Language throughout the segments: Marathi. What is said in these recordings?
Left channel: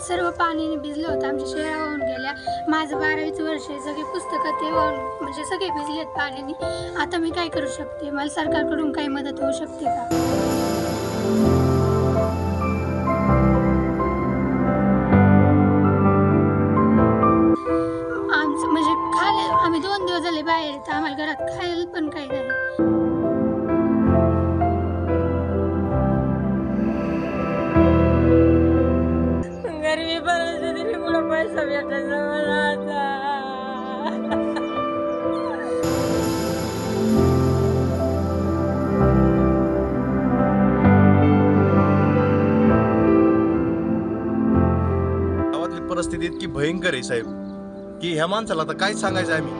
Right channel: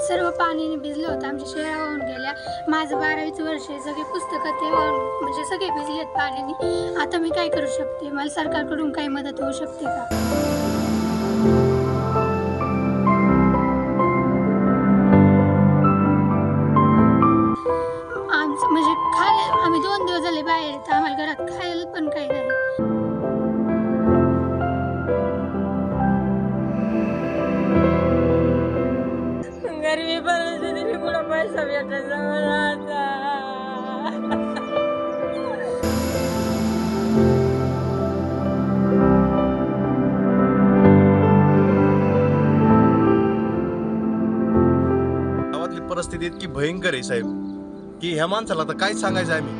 सर्व पाण्याने भिजलं होतं, आमच्या शेळ्या वाहून गेल्या. माझं 12वीचं वर्ष आहे, सगळे पुस्तकं ते वाहून म्हणजे सगळे भिजलेत पाण्याने. आता मी काय करू शकते? मला सरकारकडून काही मदत होऊ शकते का? आमचं म्हणजे खायला आम्ही 2 दिवस झाले बाहेर येतो, आम्हाला घरात खायला पण काही नाही. गरीबी परिस्थितीने कुठं पैसा भेटायचा मला आता. गावातली परिस्थिती इतकी भयंकर आहे साहेब की ह्या माणसाला आता काय सांगायचं आम्ही.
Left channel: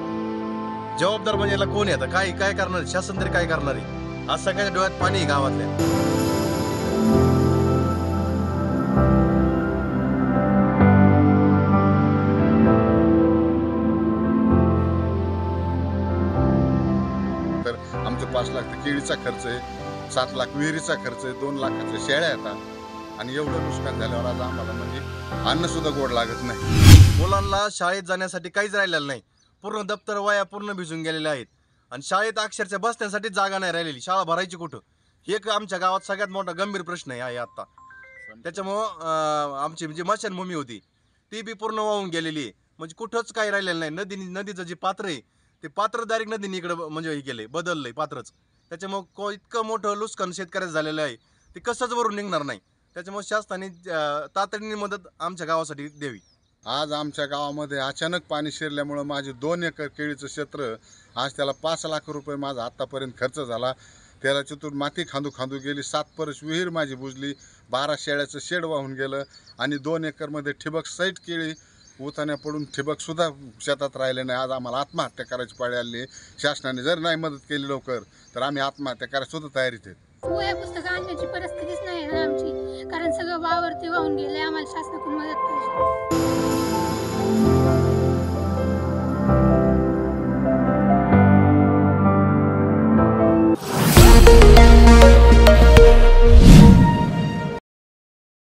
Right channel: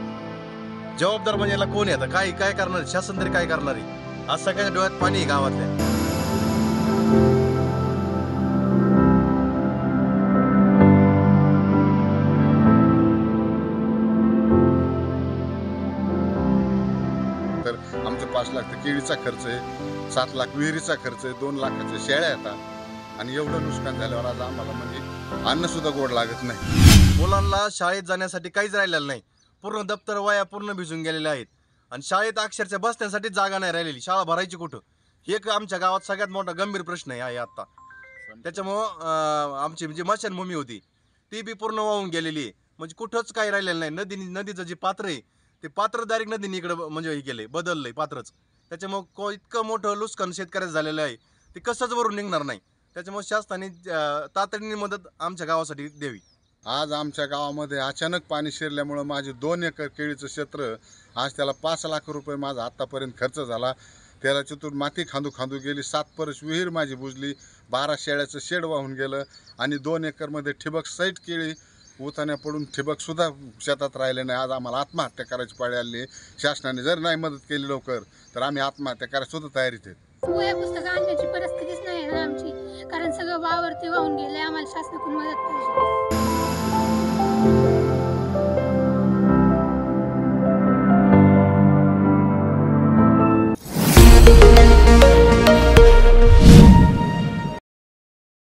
जबाबदार म्हणजे याला कोण आहे? आता काय काय करणार? शासन तरी काय करणार आहे? आज सगळ्यांच्या डोळ्यात पाणी आहे गावातल्या. तर आमचं 5 लाख तर केळीचा खर्च आहे, 7 लाख विहिरीचा खर्च आहे, 2 लाखाच्या शेळ्या येतात आणि एवढं नुकसान झाल्यावर आज आम्हाला म्हणजे अन्न सुद्धा गोड लागत नाही. मुलांना शाळेत जाण्यासाठी काहीच राहिलेलं नाही. पूर्ण दप्तर वया पूर्ण भिजून गेलेल्या आहेत आणि शाळेत अक्षरशः बसण्यासाठी जागा नाही राहिलेली. शाळा भरायची कुठं? हे एक आमच्या गावात सगळ्यात मोठा गंभीर प्रश्न आहे आता. त्याच्यामुळं आमची जी स्मशानभूमी होती ती बी पूर्ण वाहून गेलेली आहे. म्हणजे कुठंच काही राहिलेलं नाही. नदीचं जे पात्र आहे ते पात्र डायरेक्ट नदीने इकडं म्हणजे हे केलंय, बदललंय पात्रच. त्याच्यामुळं इतकं मोठं नुकसान शेतकऱ्याचं झालेलं आहे ते कसंच वरून निघणार नाही. त्याच्यामुळे शासनाने तातडीने मदत आमच्या गावासाठी द्यावी. आज आमच्या गावामध्ये अचानक पाणी शिरल्यामुळं माझे 2 एकर केळीचं क्षेत्र आज त्याला 5 लाख रुपये माझा आत्तापर्यंत खर्च झाला. त्याला चतुर माती खांदू खांदू गेली. 7 परस विहीर माझी बुजली. 12 शेळ्याचं शेड वाहून गेलं आणि 2 एकरमध्ये ठिबक सहित केळी उतान्या पडून ठिबकसुद्धा शेतात राहिले नाही. आज आम्हाला आत्महत्या करायची पाळी आली. शासनाने जर नाही मदत केली लवकर तर आम्ही आत्महत्या करायला सुद्धा तयारीत आहेत. वह्या पुस्तकं आणण्याची परिस्थितीच नाही ना आमची, कारण सगळं वावर ते वाहून गेले. आम्हाला शासनाकडून मदत पाहिजे.